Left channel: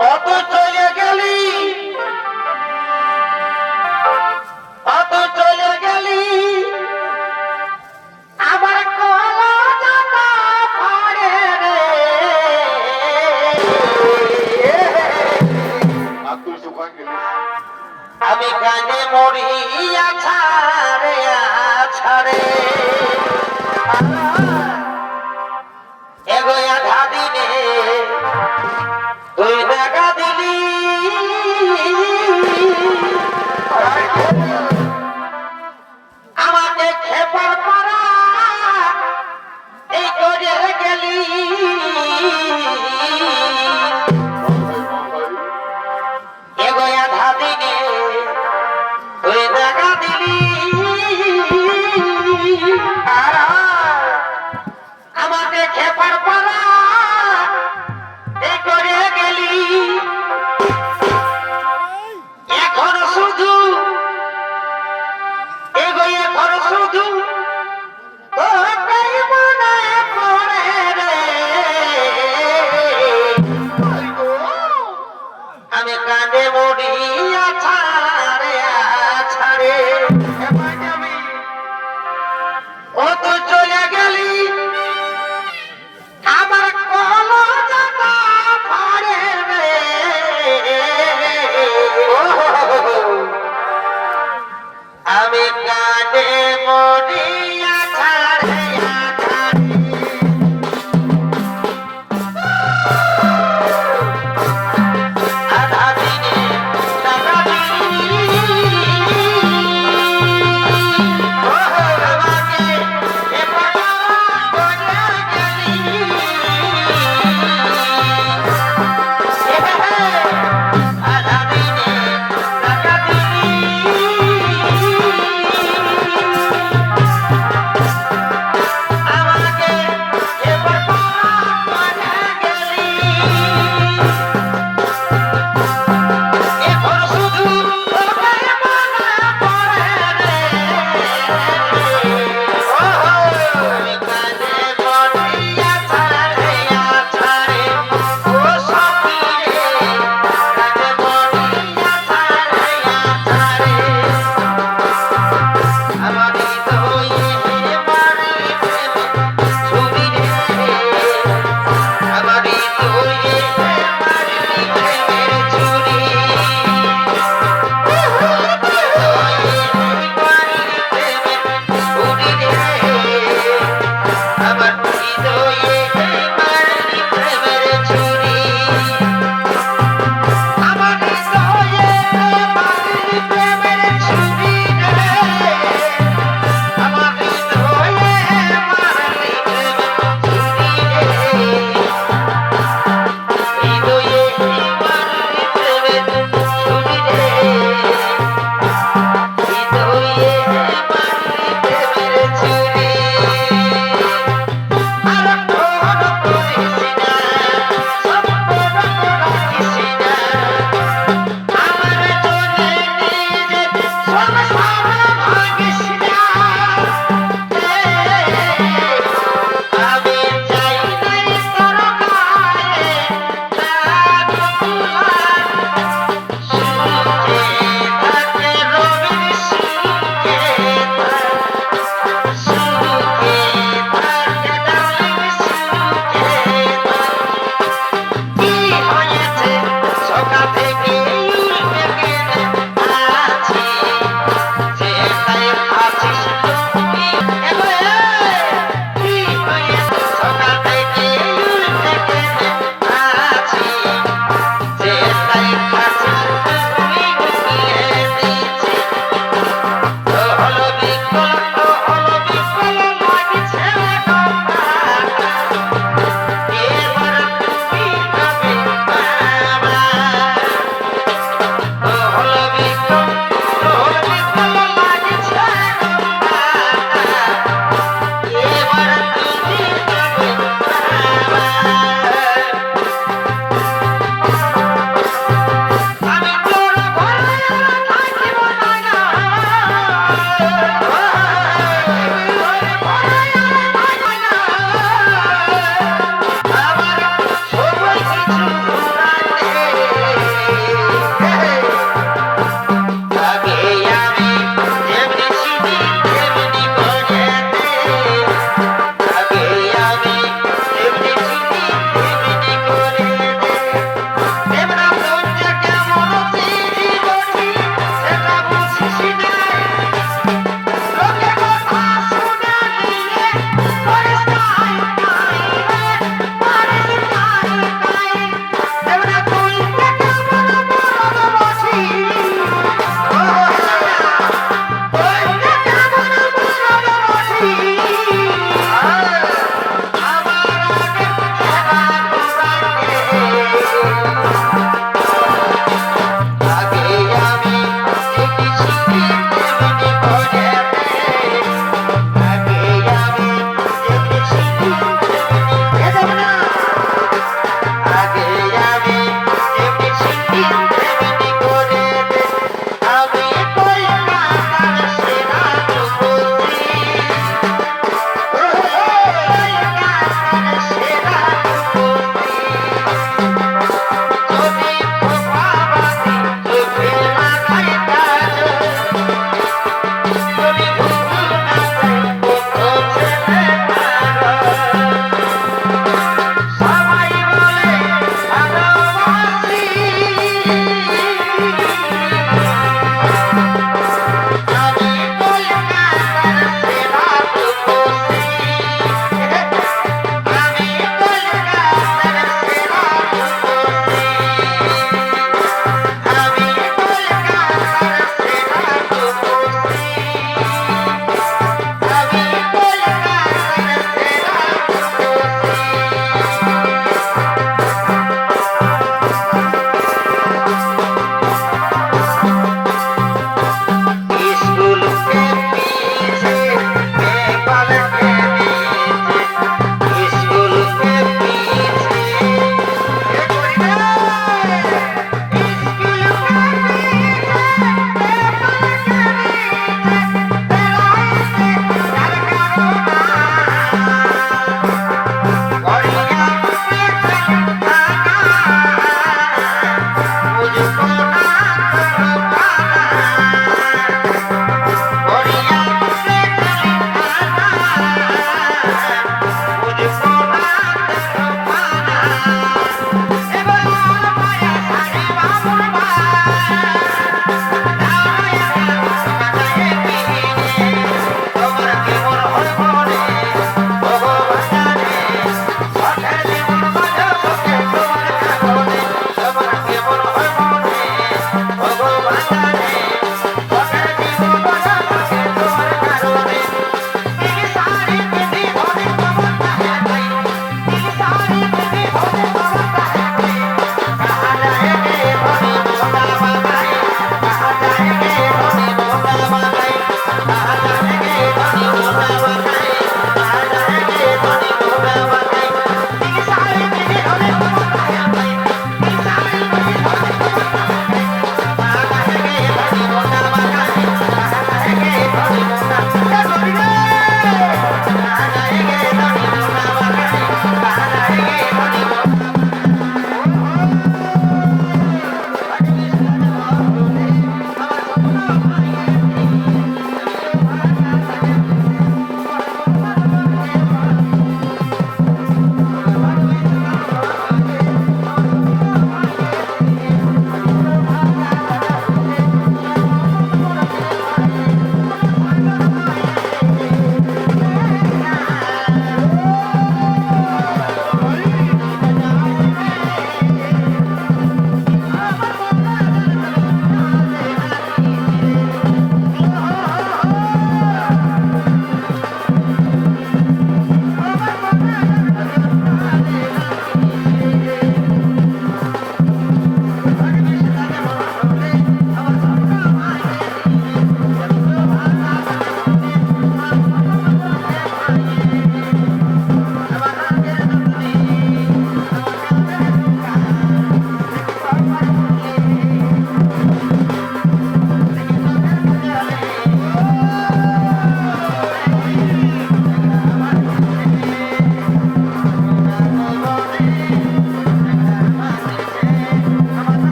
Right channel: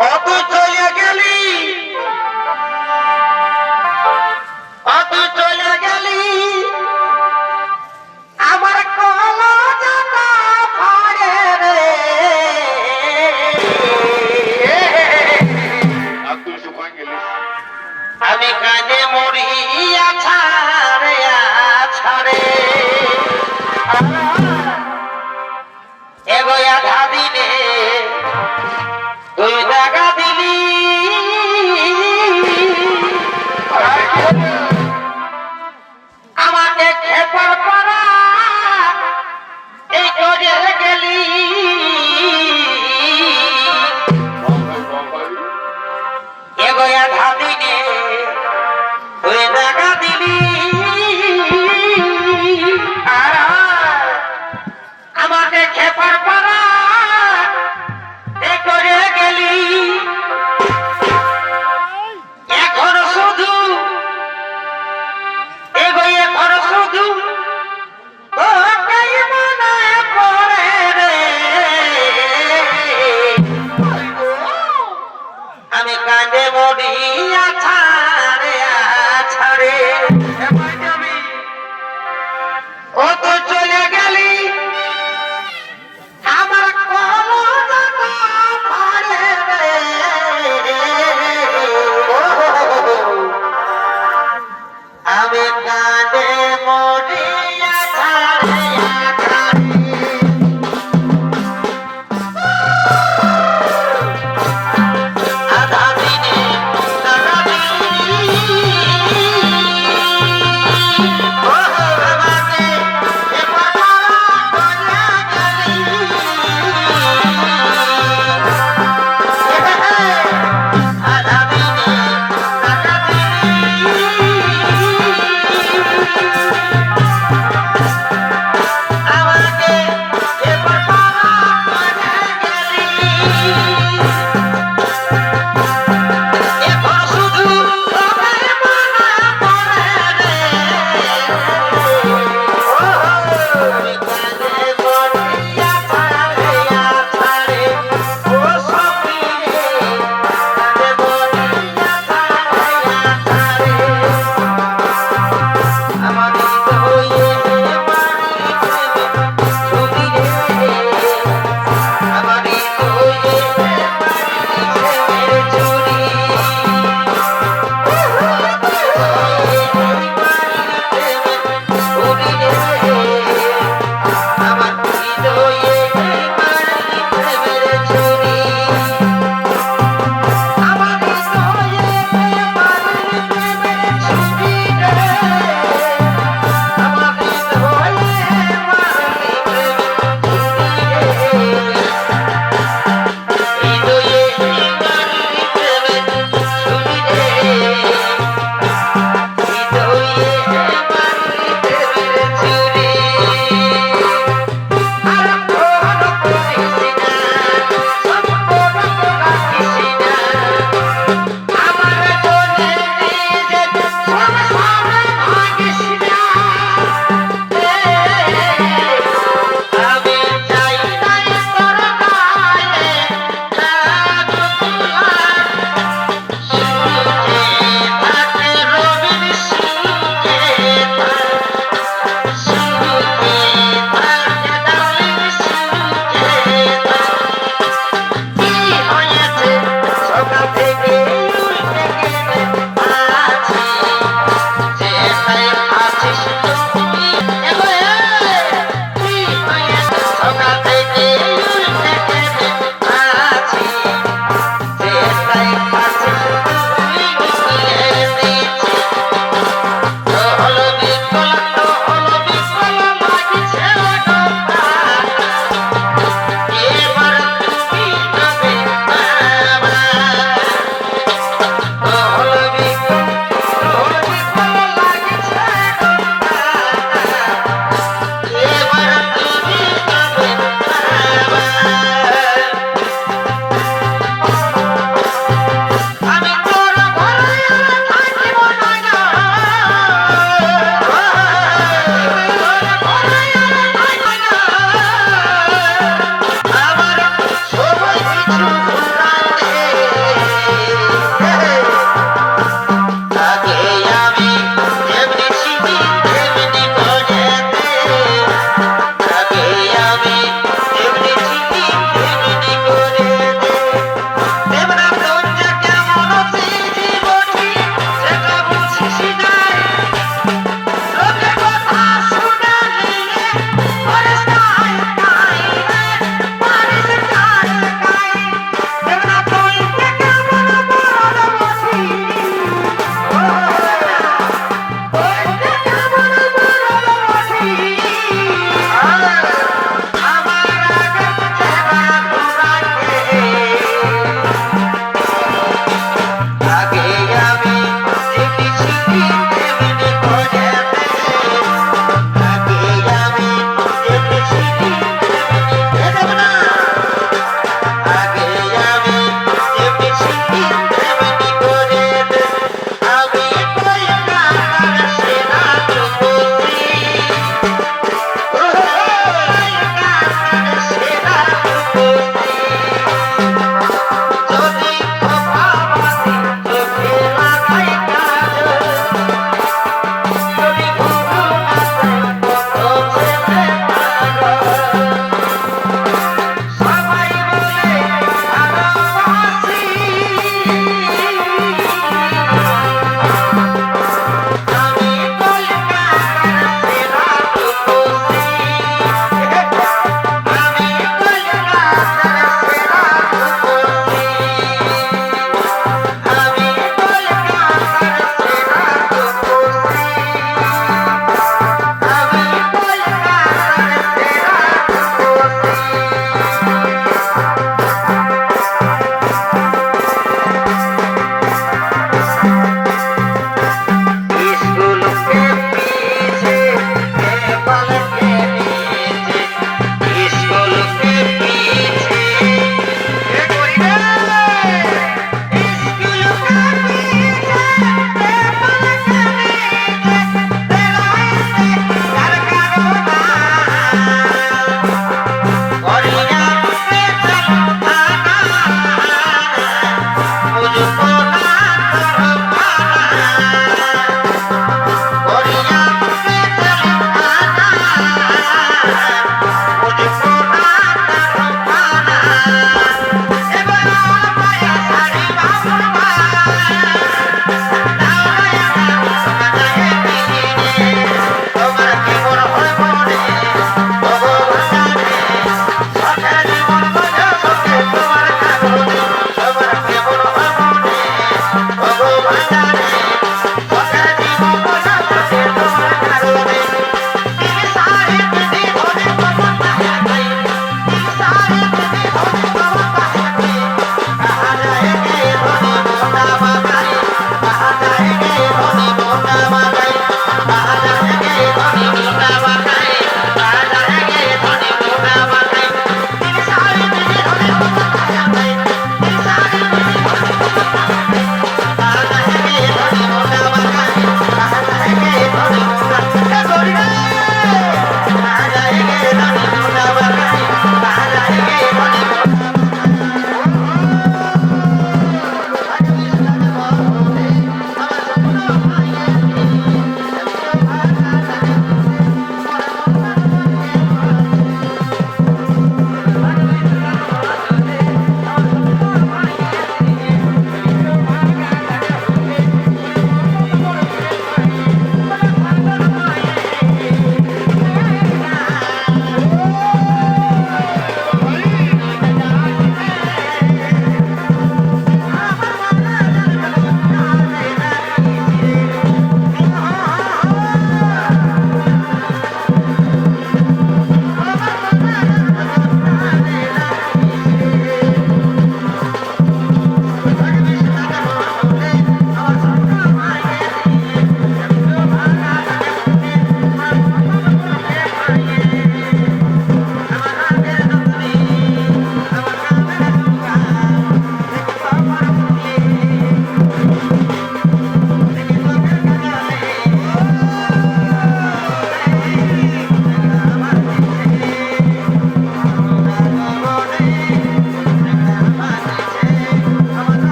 অত চলে গেলি। অত চলে গেলি। আমার কলা পড়ে রে। আমি কানে মরিয়া ছাড়ে ছাড়ে। এগোয়া ধাদিনে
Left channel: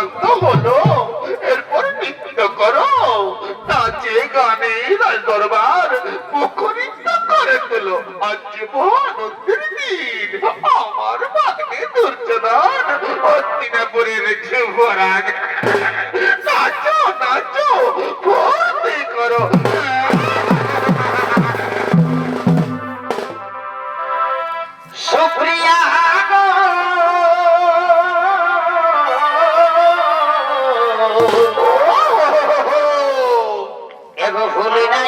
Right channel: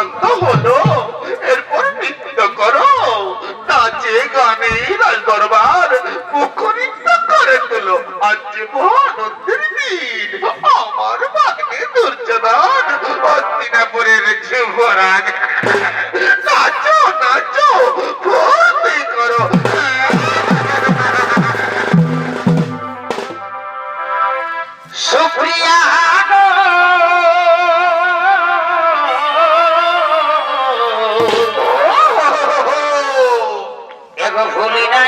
শান্ত হলো, এরপর নৃত্য করো। তা যে গানে রাজ দরবার মুখরিত করে তোলো আজ মহানন্দের দিন আমার ভাগ্নে দুর্যোধন অস্তিনাপুরের যুবরাজ। ভুলি নাই